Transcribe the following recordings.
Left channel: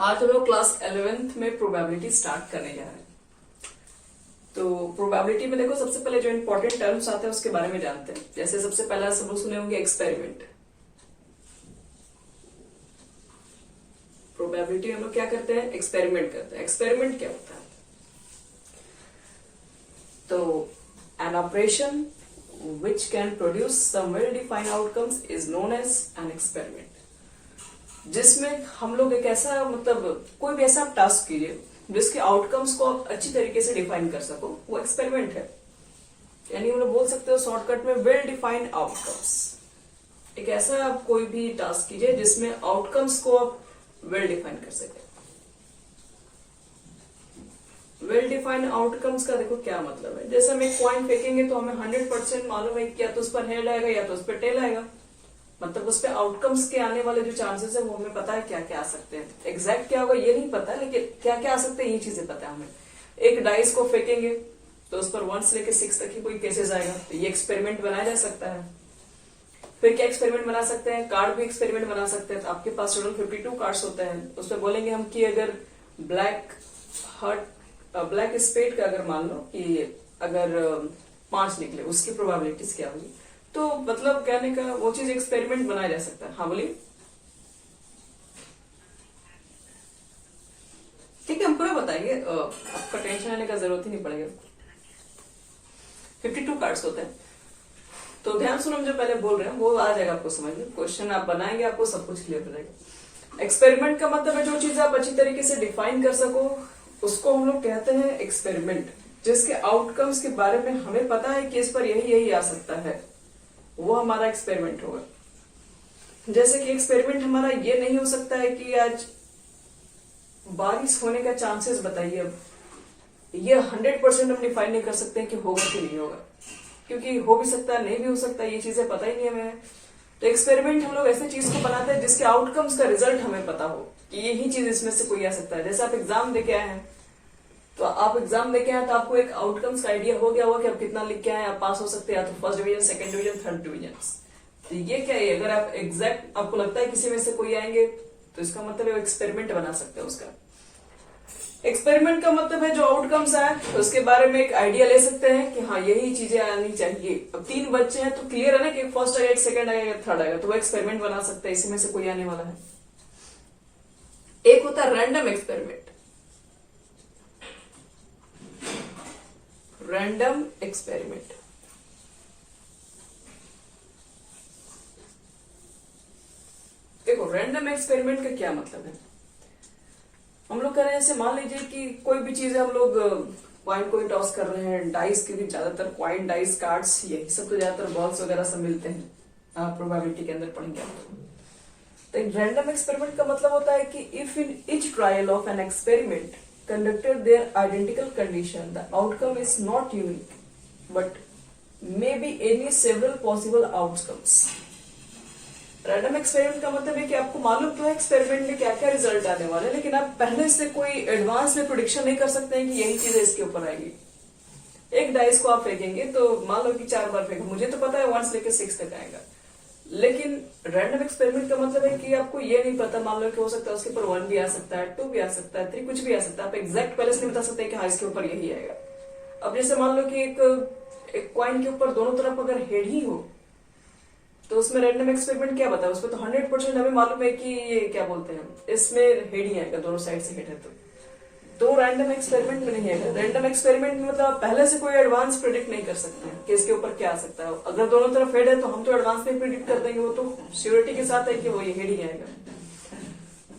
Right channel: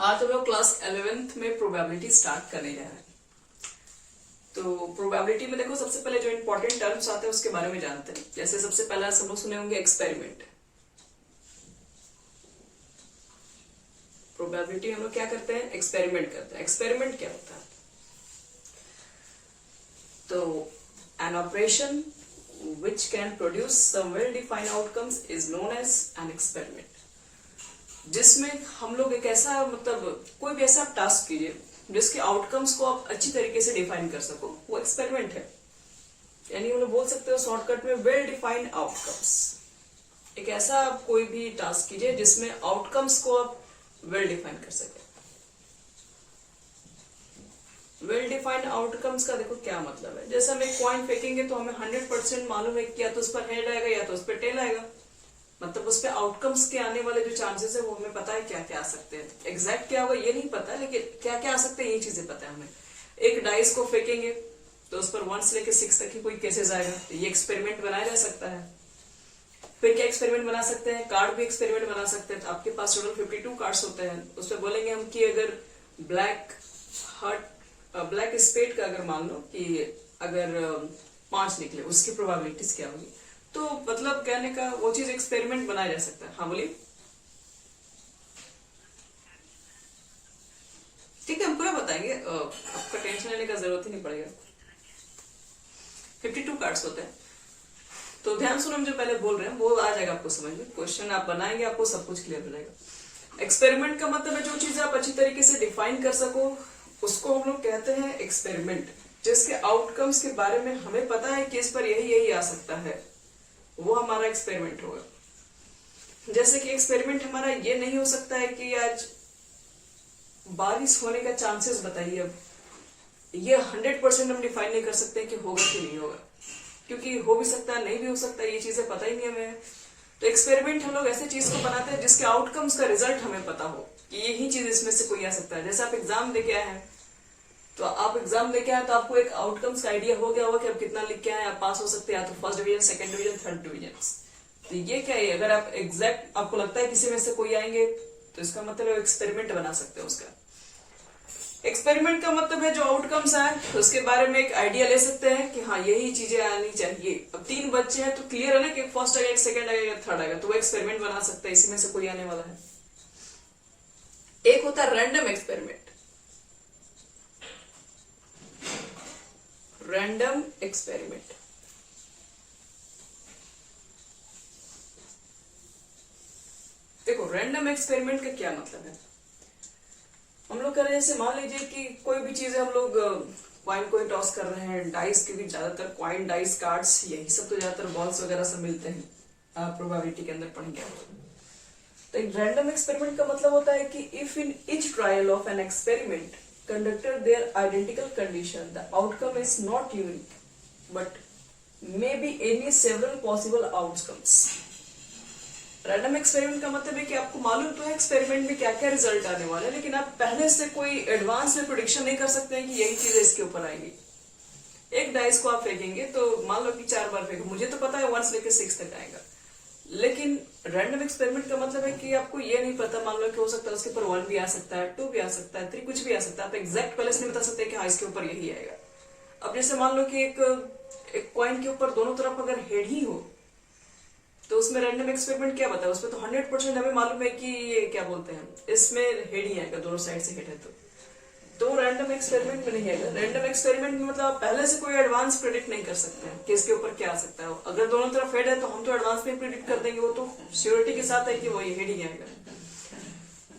आज हम लोग क्लास 11th में प्रोबेबिलिटी स्टार्ट करने जा रहे हैं। तो प्रोबेबिलिटी में देखो, सबसे पहले जो इंपॉर्टेंट टर्म्स आते हैं उसके बारे में जानते हैं। जैसे सबसे पहला सब लोग सुने होंगे एक्सपेरिमेंट। प्रोबेबिलिटी हम लोग क्या करते हैं? एक्सपेरिमेंट करते हैं। एक्सपेरिमेंट क्या होता है? तो an operation which can produce some well defined outcomes is known as an experiment, जिसमें हम लोग एक ऐसा कोई भी ऐसा टास्क कीजिए जिसके आउटकम्स को आप अच्छी तरीके से डिफाइन कर सको, वो एक्सपेरिमेंट है। यानी हम लोग बोल सकते हो शॉर्टकट में वेल डिफाइंड आउटकम्स। एक ऐसा आप कोई भी टास्क कीजिए जिसमें आउटकम्स को आप वेल डिफाइन कर सके। वेल डिफाइंड आउटकम्स का देखो क्या मतलब है। जैसे हम एक कॉइन फेंकेंगे तो हमें 100% मालूम है कि या तो उस पर हेड आएगा या तो उस पर टेल आएगा। मतलब उस पे आउटकम्स के आने वाले जो चांसेस है वो हमें पता है क्या क्या आ सकते हैं। एग्जैक्ट क्या होगा ये नहीं पता, लेकिन क्या क्या आ सकते हैं ये चीजें पता है हमें। एक डाइस को फेंकेंगे तो उस पर 1 से लेकर 6 तक की कोई केसेस आएगा, तो ये एक्सपेरिमेंट बनाया जा सकता है। फिर क्या एक्सपेरिमेंट बना सकते हैं? कार्ड भी एक्सपेरिमेंट बना सकते हैं। तो आपके पास टोटल 52 कार्ड्स होते हैं। उसमें बोलेंगे हम कि अगर ब्लैक स्पेड का अगर मान लो कि अगर 5 निकले, उसकी प्रोबेबिलिटीज क्या होगी। तो मतलब कहने का वो चीज एक्सपेरिमेंट बनाया जा सकता है। हाँ बोलिए। ठीक है, हम पूरा बताएंगे, आपका टेंशन लेने का जरूरत ही नहीं पड़ेगा। 52 कार्ड्स होते हैं। तो ध्यान सुनो, हम जो पहले बोल रहे हैं वो आ जाएगा आपको समझ में। क्वेश्चन आप बनाएंगे आपको सब कुछ क्लियर हो जाएगा। एक्सपेरिमेंट का मतलब है जो चीज आप अच्छी तरीके से डिफाइन कर सको, उसको हम लोग कहते हैं एक्सपेरिमेंट। जिसके आउटकम्स के बारे में हमें पता है कि इस पर यही यही आ सकता है, वो हमारा एक्सपेरिमेंट होगा। जैसे कि एक्सपेरिमेंट हमारा ये नहीं हो सकता है कि आज बारिश होने का चांसेस बताइए। अब ये 100% हम डिफाइन नहीं कर सकते हैं कि होगा कि नहीं होगा, क्योंकि हो भी सकता है नहीं भी हो सकता, ये चीजें पता ही नहीं हमें। तो एक्सपेरिमेंट हम लोग ऐसे चीज को बनाते हैं जिसके आउटकम्स का रिजल्ट हमें पता हो कि यही चीज इसमें से कोई आ सकता है। जैसे आप एग्जाम देके आए हैं, तो आप एग्जाम देके आए तो आपको एक आउटकम्स का आइडिया हो गया होगा कि आप कितना लिख के आए, आप पास हो सकते हैं, या तो first division, second division, third division. तो ये क्या है? अगर आप एग्जैक्ट आपको लगता है किसी में से कोई आएंगे तो इसका मतलब एक्सपेरिमेंट बना सकते हैं उसका। एक्सपेरिमेंट का मतलब है जो आउटकम्स आए तो उसके बारे में एक आइडिया ले सकते हैं कि हाँ यही चीजें आनी चाहिए। अब 3 बच्चे हैं तो क्लियर है ना कि फर्स्ट आएगा, एक सेकंड आएगा, एक थर्ड आएगा, तो वो एक्सपेरिमेंट बना सकते हैं, इसी में से कोई आने वाला है। एक होता है रैंडम एक्सपेरिमेंट। रैंडम एक्सपेरिमेंट देखो, रैंडम एक्सपेरिमेंट का क्या मतलब है। हम लोग कर रहे हैं, जैसे मान लीजिए कि कोई भी चीज हम लोग कॉइन टॉस कर रहे हैं। डाइस के भी ज्यादातर कॉइन, डाइस, कार्ड्स, यही सब तो ज्यादातर बॉल्स वगैरह सब मिलते हैं। प्रोबेबिलिटी के अंदर पढ़ेंगे। तो एक रैंडम एक्सपेरिमेंट का मतलब होता है कि if in each trial of an experiment conducted their identical condition, the outcome is not unique, but may be any several possible outcomes. Random experiment का मतलब है कि आपको मालूम तो है एक्सपेरिमेंट में क्या क्या रिजल्ट आने वाला है, लेकिन आप पहले से कोई एडवांस में प्रेडिक्शन नहीं कर सकते हैं कि यही चीज इसके ऊपर आएगी। एक डाइस को आप फेंकेंगे तो मान लो कि 4 बार फेंके, मुझे तो पता है 1 से लेकर 6 तक आएगा, लेकिन रैंडम एक्सपेरिमेंट का मतलब है कि आपको ये नहीं पता। मान लो कि हो सकता है उसके ऊपर 1 भी आ सकता है, 2 भी आ सकता है, 3 कुछ भी आ सकता है। आप एग्जैक्ट पहले से नहीं बता सकते कि हाँ इसके ऊपर यही आएगा। अब जैसे मान लो कि एक कॉइन के ऊपर दोनों तरफ अगर हेड ही हो तो उसमें रैंडम एक्सपेरिमेंट क्या बताए? उसमें तो 100% हमें मालूम है कि ये क्या बोलते हैं, इसमें हेड ही आएगा, दोनों साइड से हेड है। तो रैंडम एक्सपेरिमेंट में नहीं आएगा। रैंडम एक्सपेरिमेंट में मतलब पहले से कोई एडवांस प्रेडिक्ट नहीं कर सकते हैं कि इसके ऊपर क्या आ सकता है। अगर दोनों तरफ हेड है तो हम तो एडवांस में प्रेडिक्ट कर देंगे, वो तो श्योरिटी के साथ है कि वो ये हेड ही आएगा।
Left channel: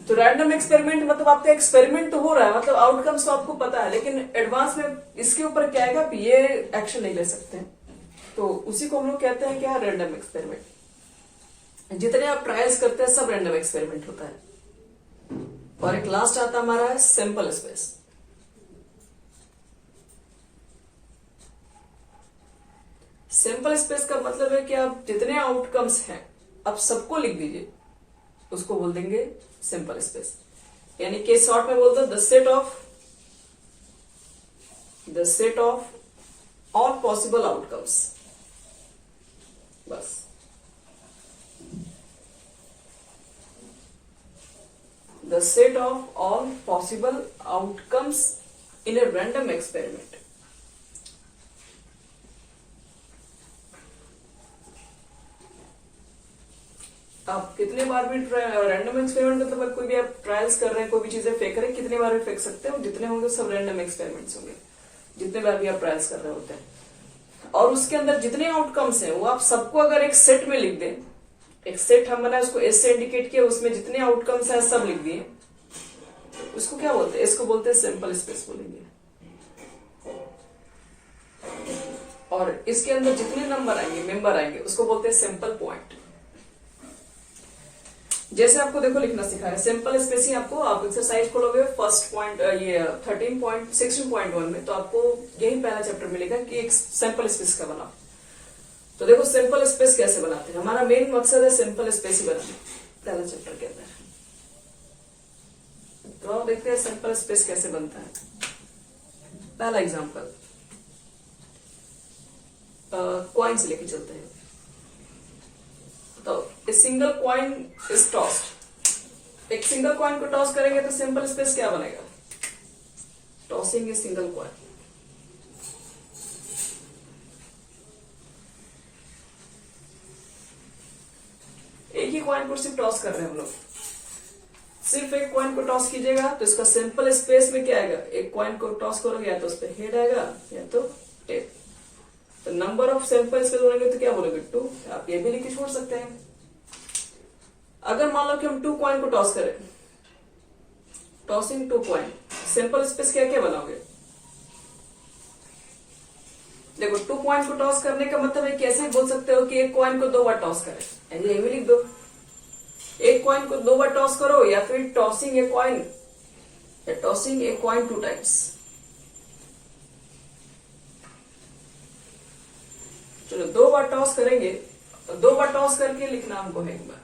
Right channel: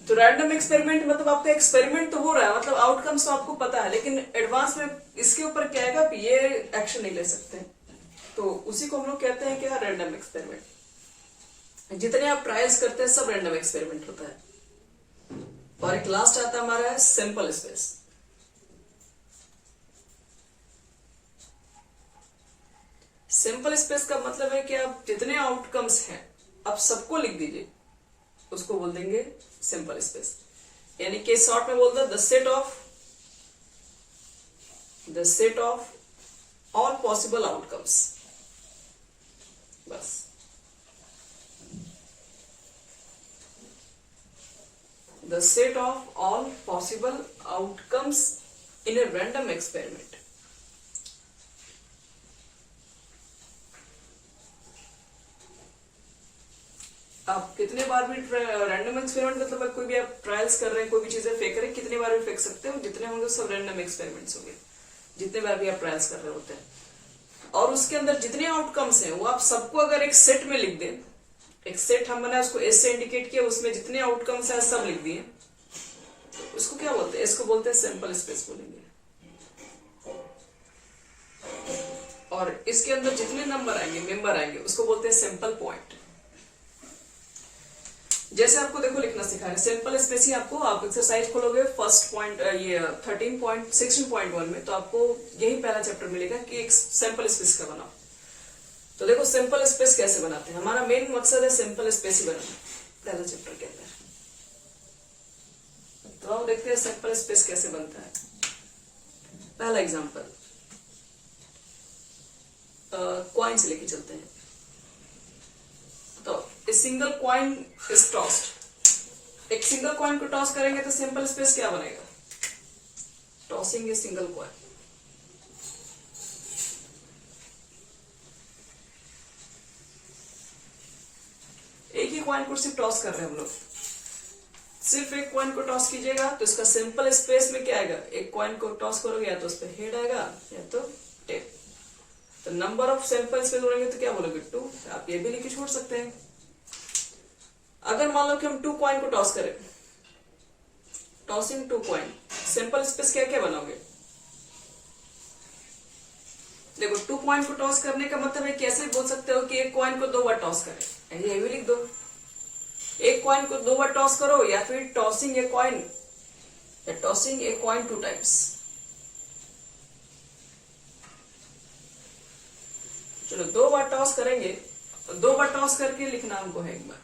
तो रैंडम एक्सपेरिमेंट मतलब आपका एक्सपेरिमेंट तो हो रहा है, मतलब आउटकम्स तो आपको पता है, लेकिन एडवांस में इसके ऊपर क्या आएगा ये एक्शन नहीं ले सकते। तो उसी को हम लोग कहते हैं क्या? Random experiment. जितने आप ट्रायल्स करते हैं सब रैंडम एक्सपेरिमेंट होता है। और एक लास्ट आता हमारा है सैंपल स्पेस। सैंपल स्पेस का मतलब है कि आप जितने आउटकम्स हैं आप सबको लिख दीजिए, उसको बोल देंगे सैंपल स्पेस। यानी कि शॉर्ट में बोलते हैं the set of all possible outcomes. बस the set of all possible outcomes in a random experiment. आप कितने बार भी रैंडम एक्सपेरिमेंट मतलब कोई भी आप ट्रायल्स कर रहे हैं, कोई भी चीजें फेंक रहे हैं, कितने बार भी फेंक सकते हैं, जितने होंगे सब रैंडम एक्सपेरिमेंट्स होंगे, जितने बार भी आप ट्रायल्स कर रहे होते हैं। और उसके अंदर जितने आउटकम्स हैं वो आप सबको अगर एक सेट में लिख दें, एक सेट हम बनाए उसको एस से इंडिकेट किया, उसमें जितने आउटकम्स हैं सब लिख दिए, उसको क्या बोलते हैं? इसको बोलते हैं सैंपल स्पेस बोलेंगे। और इसके अंदर जितने नंबर आएंगे, मेंबर आएंगे, उसको बोलते हैं सैंपल पॉइंट। जैसे आपको देखो लिखना सिखा रहे सैंपल स्पेस ही आपको, आप एक्सरसाइज खोलोगे फर्स्ट पॉइंट ये 16.1 में, तो आपको यही पहला चैप्टर मिलेगा कि एक सैंपल स्पेस का बनाओ। तो देखो सैंपल स्पेस कैसे बनाते हैं, हमारा मेन मकसद है सैंपल स्पेस ही बनाना, पहला चैप्टर के अंदर। तो हम देखते हैं सैंपल स्पेस कैसे बनता है। पहला एग्जांपल कॉइन से लेके चलते हैं। तो a single coin is tossed, एक सिंगल कॉइन को टॉस करेंगे तो सिंपल स्पेस क्या बनेगा? Tossing a single coin. एक ही कॉइन को सिर्फ टॉस कर रहे हैं हम लोग, सिर्फ एक कॉइन को टॉस कीजिएगा तो इसका सिंपल स्पेस में क्या आएगा? एक कॉइन को टॉस करोगे या तो उस पर हेड आएगा या तो टेल। तो नंबर ऑफ सैंपल स्पेस बोलेंगे तो क्या बोलेंगे? 2। आप ये भी लिख के छोड़ सकते हैं। अगर मान लो कि हम 2 कॉइन को टॉस करें, टॉसिंग 2 कॉइन, सिंपल स्पेस क्या क्या बनाओगे? देखो 2 कॉइन को टॉस करने का मतलब है कैसे बोल सकते हो कि एक कॉइन को 2 बार टॉस करें, यही भी लिख दो। एक कॉइन को 2 बार टॉस करो, या फिर टॉसिंग ए कॉइन, या टॉसिंग ए कॉइन 2 टाइम्स। चलो 2 बार टॉस करेंगे, 2 बार टॉस करके लिखना हमको है एक बार।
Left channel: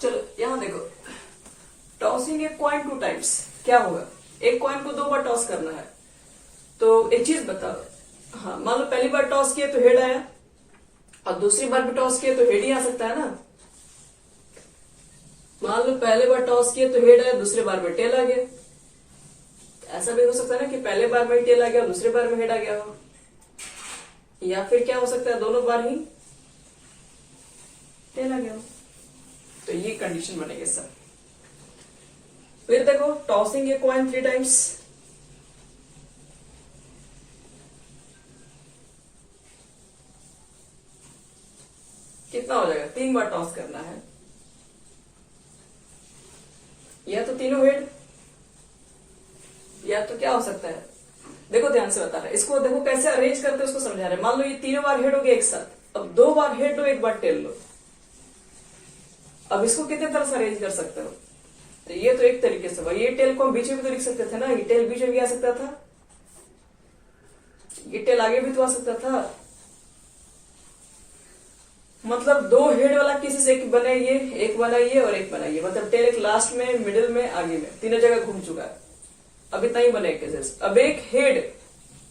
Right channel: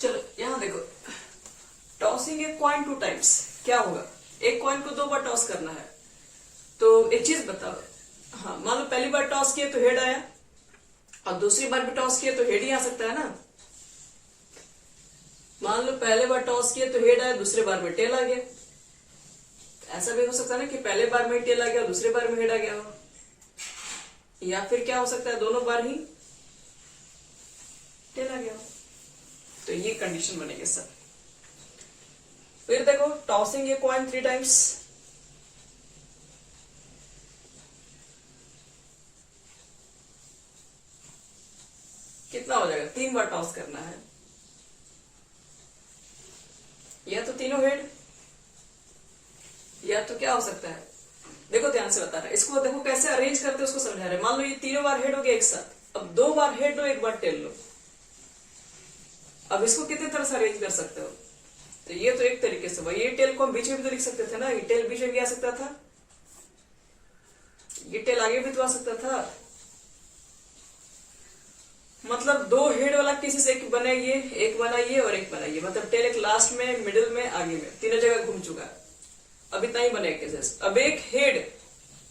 चलो यहां देखो, टॉसिंग ए कॉइन 2 टाइम्स क्या होगा? एक कॉइन को 2 बार टॉस करना है। तो एक चीज बताओ, हाँ मान लो पहली बार टॉस किए तो हेड आया, और दूसरी बार भी टॉस किए तो हेड ही आ सकता है ना। मान लो पहले बार टॉस किए तो हेड आया, दूसरे बार में टेल आ गया। ऐसा भी हो सकता है ना कि पहले बार में टेल आ गया, दूसरे बार में हेड आ गया हो। या फिर क्या हो सकता है, दोनों बार ही टेल आ गया हो। तो ये कंडीशन बनेगी सर। फिर देखो टॉसिंग ए कॉइन 3 टाइम्स, कितना हो जाएगा? 3 बार टॉस करना है, या तो तीनों हेड, या तो क्या हो सकता है? देखो ध्यान से बता रहा है, इसको देखो कैसे अरेंज करते हैं उसको समझा रहे हैं। मान लो ये तीनों बार हेड हो गए एक साथ, अब 2 बार हेड लो, 1 बार टेल लो। अब इसको कितने तरह से अरेंज कर सकते हो? तो ये तो एक तरीके से, भाई ये टेल को हम बीच में भी तो लिख सकते थे ना, ये टेल बीच में भी आ सकता था, ये टेल आगे भी तो आ सकता था। मतलब 2 हेड वाला केसेस, एक बनाइए, एक बनाइए और एक बनाइए, मतलब टेल एक लास्ट में, मिडिल में, आगे में, तीनों जगह घूम चुका है। अब इतना ही बने केसेस। अब एक हेड,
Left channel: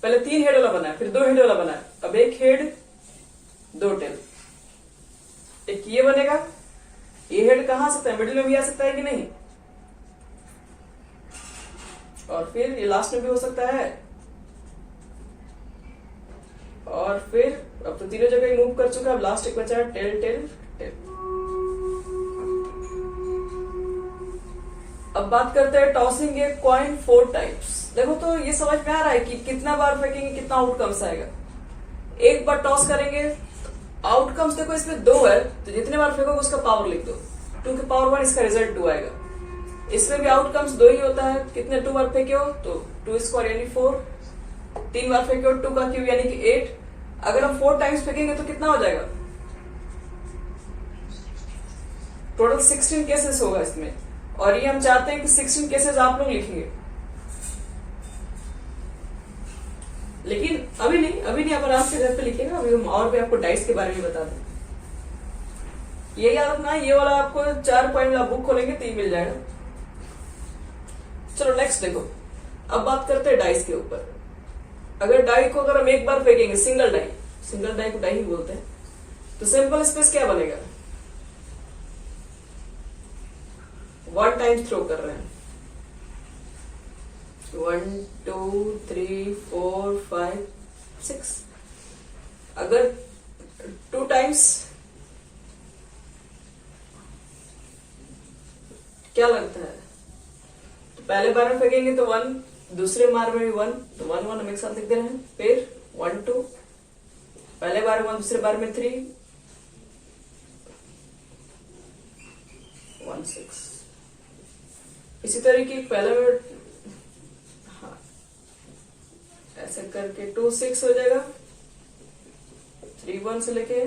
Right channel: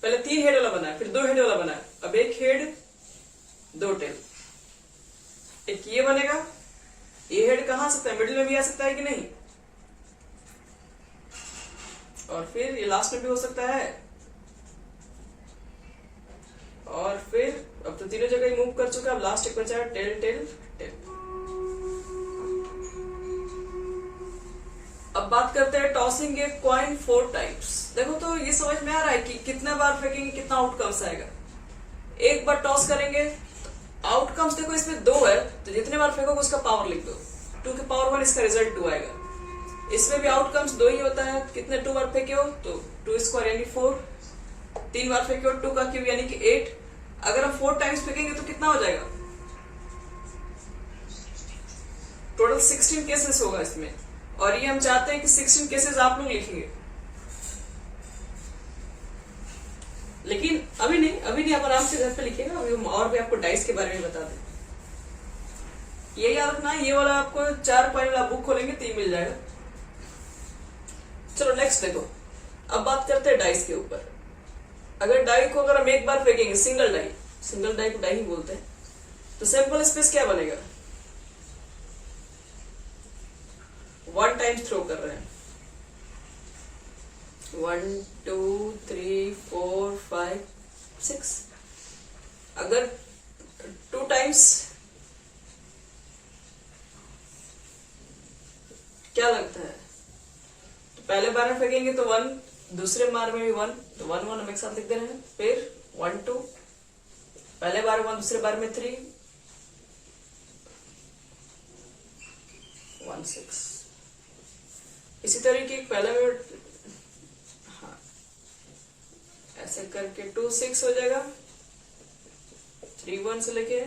पहले 3 हेड वाला बनाया, फिर 2 हेड वाला बनाया, अब एक हेड 2 टेल। एक ये बनेगा, ये हेड कहां आ सकता है? मिडिल में भी आ सकता है कि नहीं? और फिर ये लास्ट में भी हो सकता है, और फिर अब तो तीनों जगह ही मूव कर चुका है, अब लास्ट एक बचा है टेल टेल टेल। अब बात करते हैं टॉसिंग ए कॉइन 4 टाइम्स। देखो तो ये समझ में आ रहा है कि कितना बार फेंकेंगे कितना आउटकम्स आएगा। एक बार टॉस करेंगे, आउटकम्स देखो इसमें 2 है, तो जितने बार फेंकोगे उसका पावर लिख दो, 2 की पावर 1, इसका रिजल्ट 2 आएगा। इसमें भी आउटकम्स 2 ही होता है, कितने 2 बार फेंके हो तो 2 स्क्वायर यानी 4, 3 बार फेंके हो 2 का क्यूब यानी कि 8। अगर हम 4 टाइम्स फेंकेंगे तो कितना हो जाएगा? टोटल 16 केसेस होगा इसमें, और ये हम चाहते हैं कि 16 केसेस आप लोग लिखेंगे। लेकिन अभी नहीं, आप आराम से घर पे लिखेगा। अभी हम और भी आपको डाइस के बारे में बता दें। ये याद रखना, ये वाला आपको 4 कॉइन वाला बुक खोलेंगे तो ये मिल जाएगा। चलो नेक्स्ट देखो, अब बात करते हैं डाइस के ऊपर। अगर डाई को अगर हम एक बार फेंकेंगे, सिंगल डाई को डाई ही बोलते हैं, तो सैंपल स्पेस क्या बनेगा? वन टाइम थ्रो कर रहे हैं, 1 2 3 4 5 6। अगर 2 टाइम्स क्या लगता है? तो पहले बार में फेंकेंगे तो 1, दूसरे बार में भी 1, तो 1 1 हम एक साथ लिख दे रहे हैं। फिर 1 2, पहले बार में 1, दूसरे बार में 3 1 6। इसी तरीके पहले में हाँ, ऐसे करके 2 6 हो जाएगा, 3 1 से लेके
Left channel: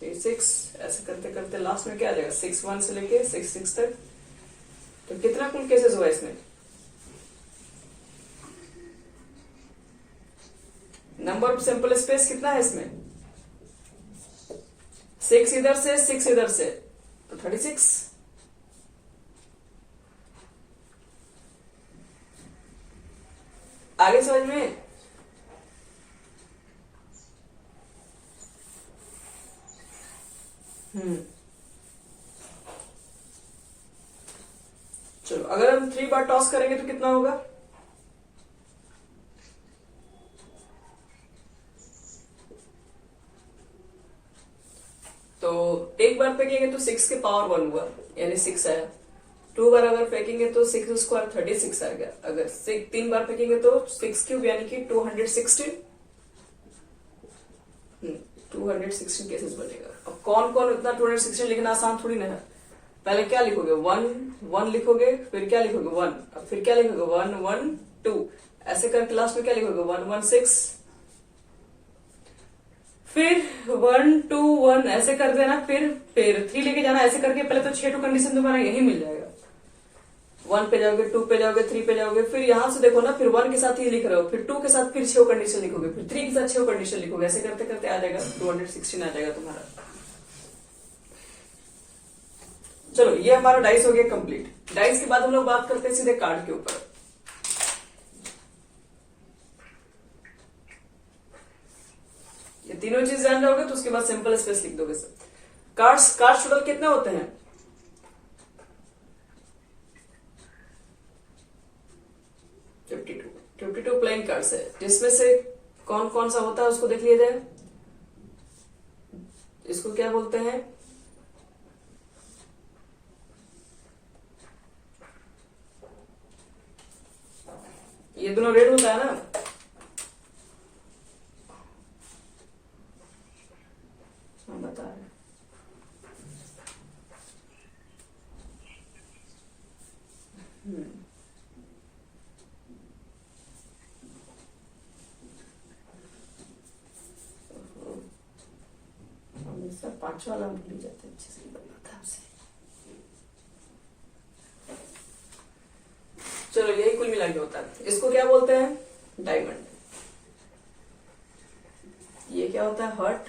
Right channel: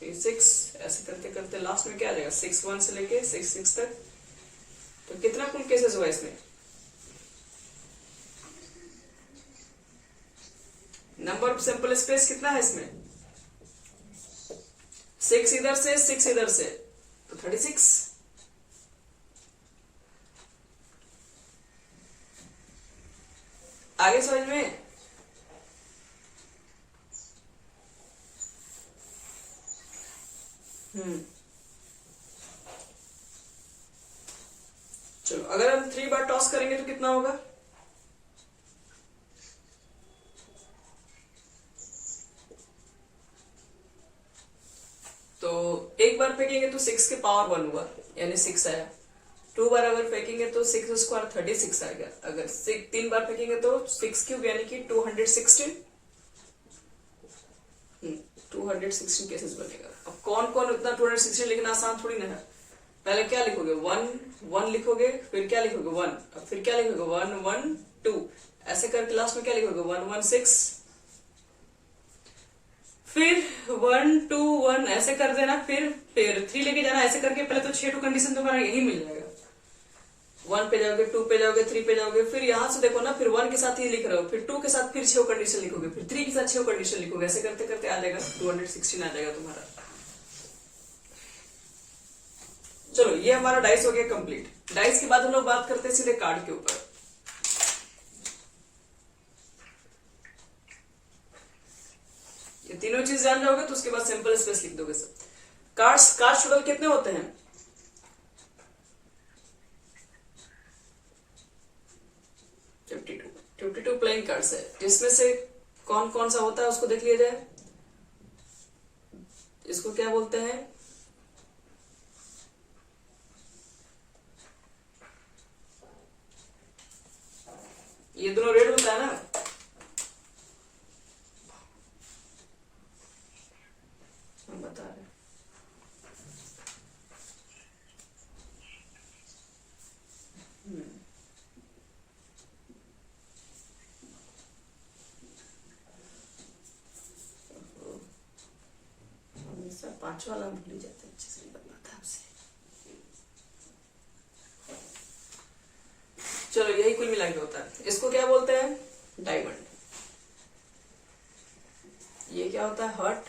3 6, ऐसे करते करते लास्ट में क्या आ जाएगा? 6 1 से लेके 6 6 तक। तो कितना कुल केसेस हुआ इसमें? नंबर ऑफ सैंपल स्पेस कितना है इसमें? 6 इधर से 6 इधर से, तो 36। आगे समझ में? चलो, अगर हम 3 बार टॉस करेंगे तो कितना होगा? तो एक बार फेंकेंगे तो 6 के पावर 1 हुआ, यानी 6 आया। 2 बार अगर फेंकेंगे तो 6 स्क्वायर 36 आएगा। अगर 3 बार फेंकेंगे तो 6 क्यूब यानी कि 216 216 केसेस बनेगा। अब कौन कौन इतना 216 लिखना आसान थोड़ी ना है। पहले क्या लिखोगे? 1 1 लिखोगे, फिर क्या लिखोगे? 1, अब फिर क्या लिखोगे? 1 1 2, ऐसे करके लास्ट में क्या लिखोगे? 1 1 6, फिर 1 2 1 ऐसे कर देना, फिर 3 लेके जाना, ऐसे करके पहले तो 6 कंडीशन तुम्हारा यही मिल जाएगा। 1 पे जाओगे, 2 पे जाओगे, 3 पे जाओगे, फिर यहां से देखो ना, फिर 1 के साथ ही लिख रहे हो, फिर 2 के साथ फिर 6 कंडीशन लिखोगे, फिर 3 के साथ 6 कंडीशन लिखोगे, ऐसे करते करते आ जाएगा 216 आ जाएगा तुम्हारा। चलो, ये हमारा डाइस हो गया कंप्लीट। डाइस के बाद हम लोग बात करते हैं सीधे कार्ड के ऊपर। ये तीनों चीज जान जाओगे तो उसके बाद सिंपल स्पेस लिख दोगे सब। कार्ड्स टोटल कितने होते हैं? 52 प्लेइंग कार्ड्स है, जिसमें से कौन कौन सा होता है उसको देख लिया जाए। इसको क्या बोलते हैं? ये दोनों रेड होता है ना, हम बता रहे हैं। हमेशा 5 वाला भूल जाते हैं, अच्छे से बनना था आपसे। चलो, यही कुल मिला के होता है। इसको क्या बोलते हैं? डायमंड। ये क्या होता है? हार्ट।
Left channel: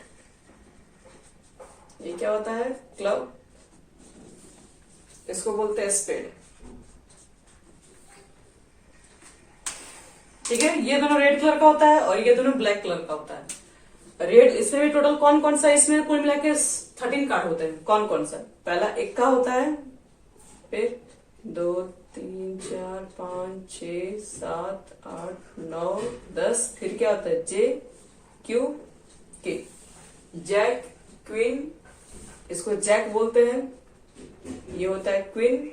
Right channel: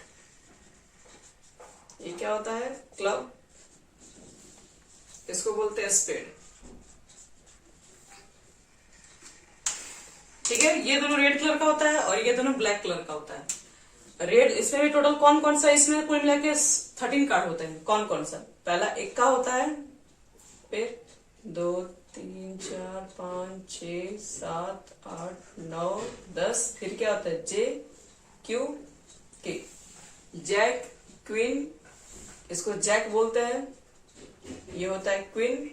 ये क्या होता है? क्लब। इसको बोलते हैं स्पेड। ठीक है, ये दोनों रेड कलर का होता है और ये दोनों ब्लैक कलर का होता है। रेड, इसमें भी टोटल कौन कौन सा, इसमें कुल मिला के 13 कार्ड होते हैं। कौन कौन सा? पहला 1 का होता है, फिर 2 3 4 5 6 7 8 9 10, फिर क्या होता है? जे क्यू के। जैक, क्वीन, इसको जैक बोलते हैं। ये होता है क्वीन,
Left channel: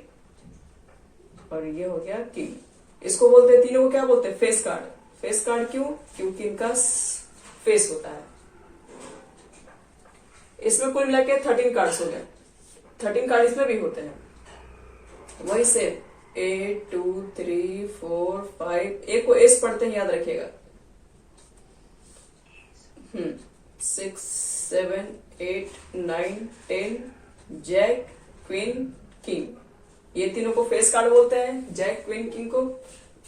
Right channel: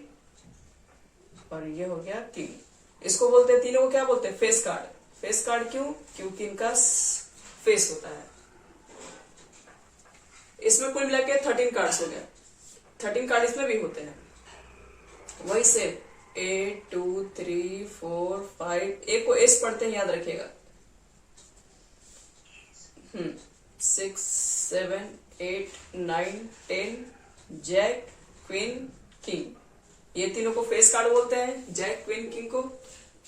और ये हो गया किंग। इसको बोलते हैं, तीनों को क्या बोलते हैं? Face card. फेस कार्ड क्यों? क्योंकि इनका फेस होता है। इसमें कुल मिला के 13 कार्ड्स हो गए। 13 कार्ड इसमें भी होते हैं, वही से 8 2 3 4 5, एक को एस पढ़ते हैं, याद रखिएगा। 6 7 8 9 10, जैक, क्वीन, किंग। ये तीनों को फेस कार्ड बोलते हैं। जैक, क्वीन, किंग को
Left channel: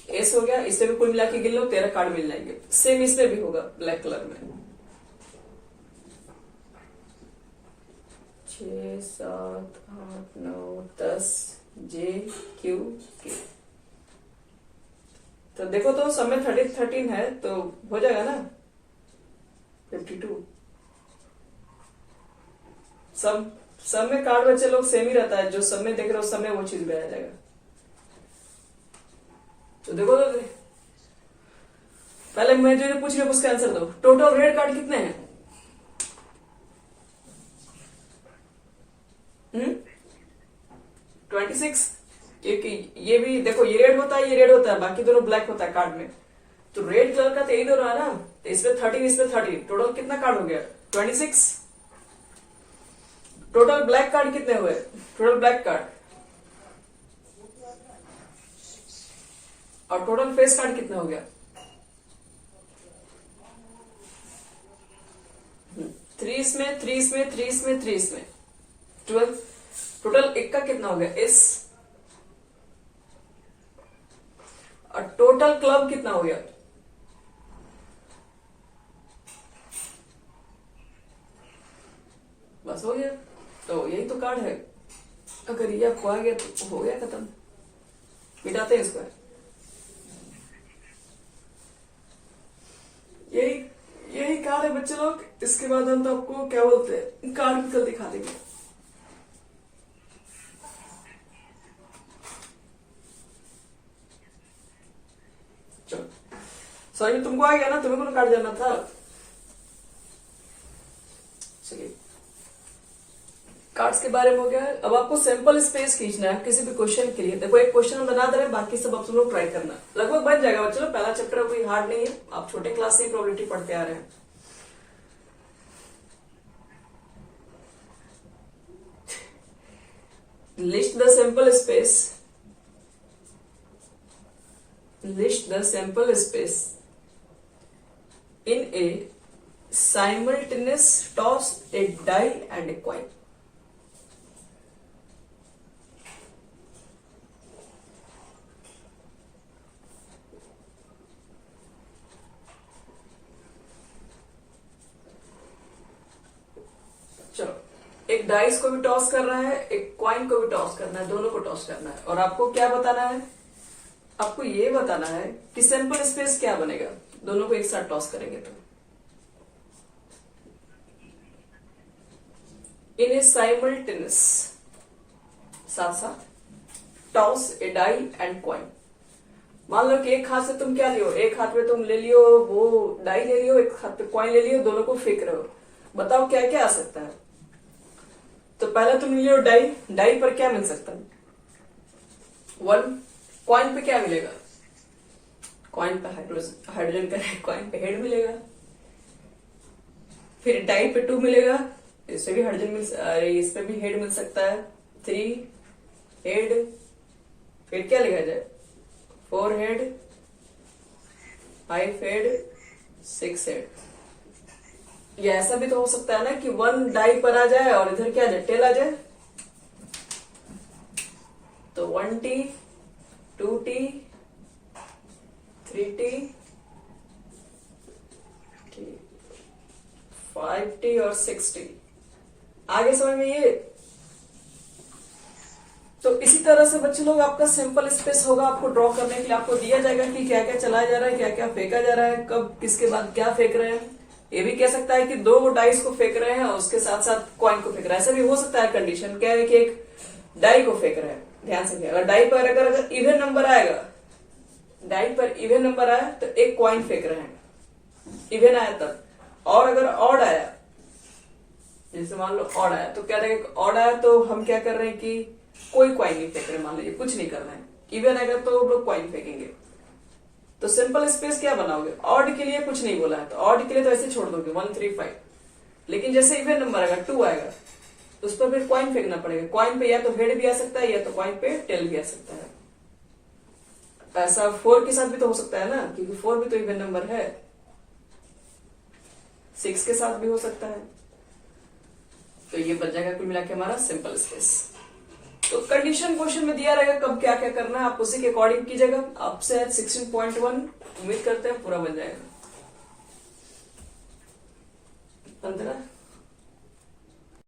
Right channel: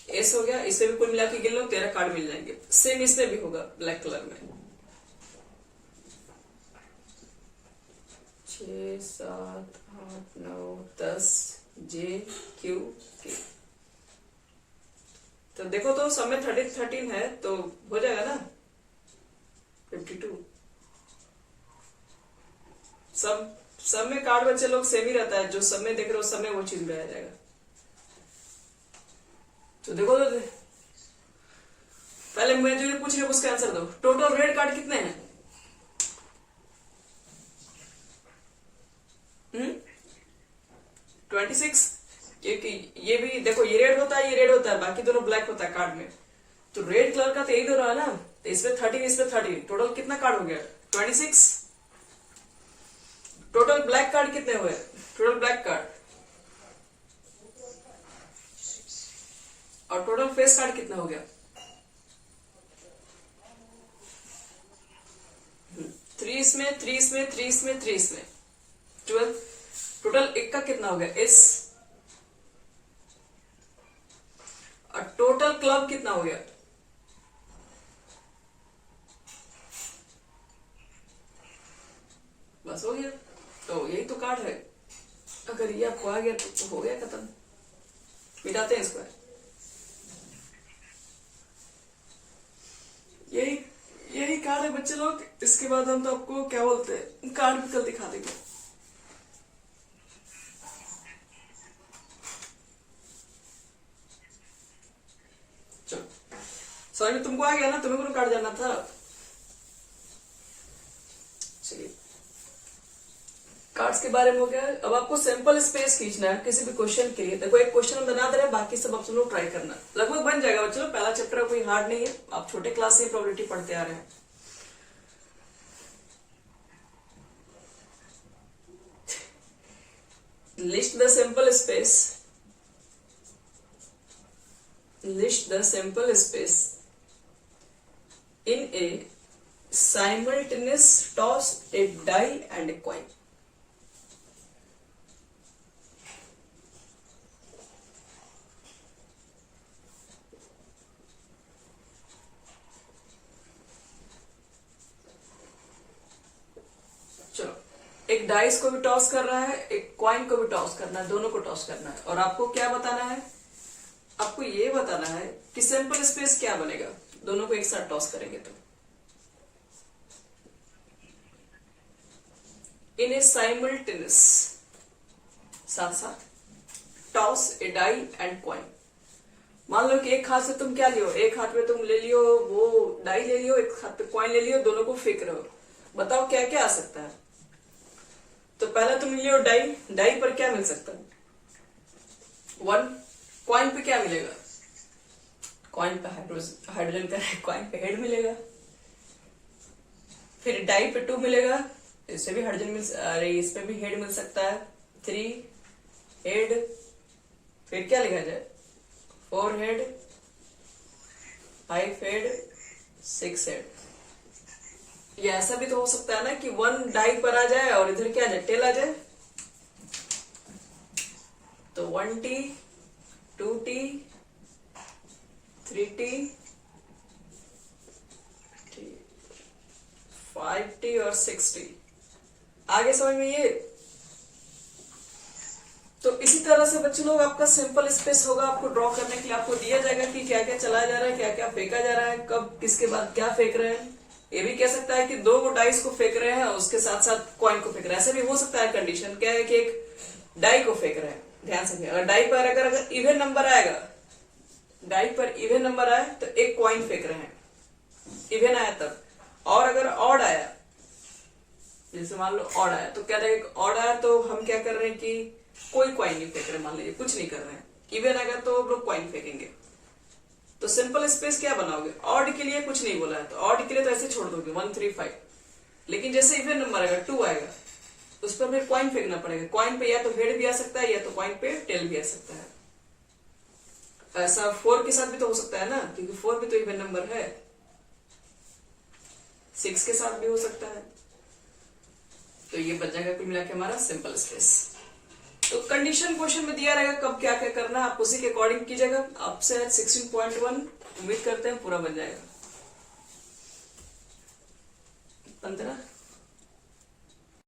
एस हो गया। इसमें भी कुल मिला के गिन लो, 13 कार्ड मिल जाएंगे। सेम इसमें भी होगा ब्लैक कलर में। 6 7 8 9 10, जे क्यू के। तो देखो तो सब में 13 है तो हो जाएगा ना 52। सब में कार्ड बच्चे लोग सेम ही रहता है, जो सब में देख रहे हो सब में वो चीज भी आ जाएगा। तो देखो तो पहले मैं जो पूछ रही हूँ उसका आंसर दो। टोटल रेड कार्ड कितने हैं? 26। क्योंकि ये भी देखो, ये रेड होता है, ये रेड होता है, बाकी दोनों ब्लैक होता है कार्ड में। तो रेड कलर का तो यही दोनों है ना, तो इसमें 13, इसमें 13, टोटल कितना कार्ड हो गया? 26। टोटल ब्लैक कार्ड कितने हुए? टोटल ब्लैक कार्ड और टोटल फेस कार्ड कितना हो गया? 3 इसमें, 3 इसमें, 3 इसमें, 3 इसमें, 12। टोटल एक का कितना हो गया? इस। और टोटल क्लब कितना हो गया? बस हो गया। तो यही तो कार्ड है। अगर ये आपको आ गया तो हो गया खत्म। मिटाते हैं इसको। यही कार्ड है बच्चे लोग। इसके बाद हम तो आपको क्या बोलते हैं, कार्ड भी कल दिखा देंगे। चलो सॉरी, तुमको आ गया ना, तुम्हें को कार्ड जाना था। चलिए कार्ड्स के बारे में हो गया। अब आपको सैंपल स्पेस खींचना है किसी भी क्वेश्चन के लिए। देखो एक क्वेश्चन हम बना दे रहे हैं, बाकी सब आप लोग ट्राई करना, लगभग बन जाएगा। चलो पहला चक्कर कोई हार्ड नहीं है, आप छोटे क्लास से प्रोबेबिलिटी पढ़ते आ रहे हैं। List the sample space, list the sample space in a simultaneous toss, a die and a coin. चलो एक डाइस को भी टॉस कर रहा है, एक कॉइन को भी टॉस करना है, दोनों को टॉस करना है। और आपको क्या बताना है? आपको ये बताना है कि सैंपल स्पेस क्या बनेगा दोनों को एक साथ टॉस करेंगे तो। इन ए साइमल्टेनियस, साथ साथ, toss a die and coin. मान लो कि एक हाथ से तुम क्या लियो, एक हाथ में तुम ले लियो वो डाई ले लियो, एक हाथ पे कॉइन ले लियो, दोनों को फेंक रहे हो। बताओ क्या क्या आ सकता है? तो पहले तुम लियो डाई, डाई पर क्या मिल सकता है? 1। कॉइन पे क्या मिलेगा? कॉइन पे हाइड्रोजन का कॉइन पे हेड मिलेगा। फिर डाई पे 2 मिलेगा, इससे भी हाइड्रोजन अरे इस पे भी हेड मिल सकता है। 3 हेड, फिर क्या लिखा जाए? 4 हेड, 5 हेड, 6 हेड। ये ऐसा भी तो हो सकता है ना कि 1 डाई पर आ जाए और इधर क्या आ जाए? टेल आ जाए। तो 1T, 2T, 3T, 5T और 6T। आगे समझ में ये? तो इसी तरह से बच्चे लोग आपका सैंपल स्पेस होगा। आपको ड्रॉ करने के लिए आपको दिया जाएगा कि क्या क्या चलाया जा रहा है, क्या क्या फेंका जा रहा है, कब किसके बाद क्या फेंक रहे हैं। ये भी कह सकता है कि 2 डाइस को फेंक रहे हैं और उसके साथ साथ कॉइन को फेंक रहे हैं। ऐसा भी हो सकता है। कंडीशन क्या है कि एक डाई को फेंक रहे हैं। ध्यान से, अगर डाई पर अगर इवन नंबर आएगा, डाई पर इवन नंबर आया तो एक कॉइन फेंक रहे हैं, इवन आया तब। और अगर ऑड आया, जैसे मान लो ऑड आया, तो क्या रहेगा? ऑड आया तो हम क्या कर रहे हैं कि कोई कॉइन नहीं फेंक रहे, मान लीजिए कुछ नहीं कर रहे हैं। इवन अगर तो लोग कॉइन फेंकेंगे। तो सिंपल स्पेस क्या बनाओगे? ऑड के लिए कुछ नहीं बोला है, तो ऑड के लिए तो ऐसे छोड़ दोगे 1 3 5। लेकिन जैसे इवन नंबर आएगा 2 आएगा, उस पर फिर कॉइन फेंकना पड़ेगा। कॉइन पे या तो हेड भी आ सकता है या तो कॉइन पे टेल भी आ सकता है। ऐसा 4 के साथ भी तो हो सकता है ना, क्योंकि 4 भी तो इवन नंबर है। 6 के साथ भी हो सकता है। तो ये बच जाएगा कुल मिला के हमारा सिंपल स्पेस। तो कंडीशन क्वेश्चन में दिया रहेगा कब क्या क्या करना है, आप उसी के अकॉर्डिंग कीजिएगा। आपसे 16.1 उम्मीद करते हैं पूरा बन जाएगा। 15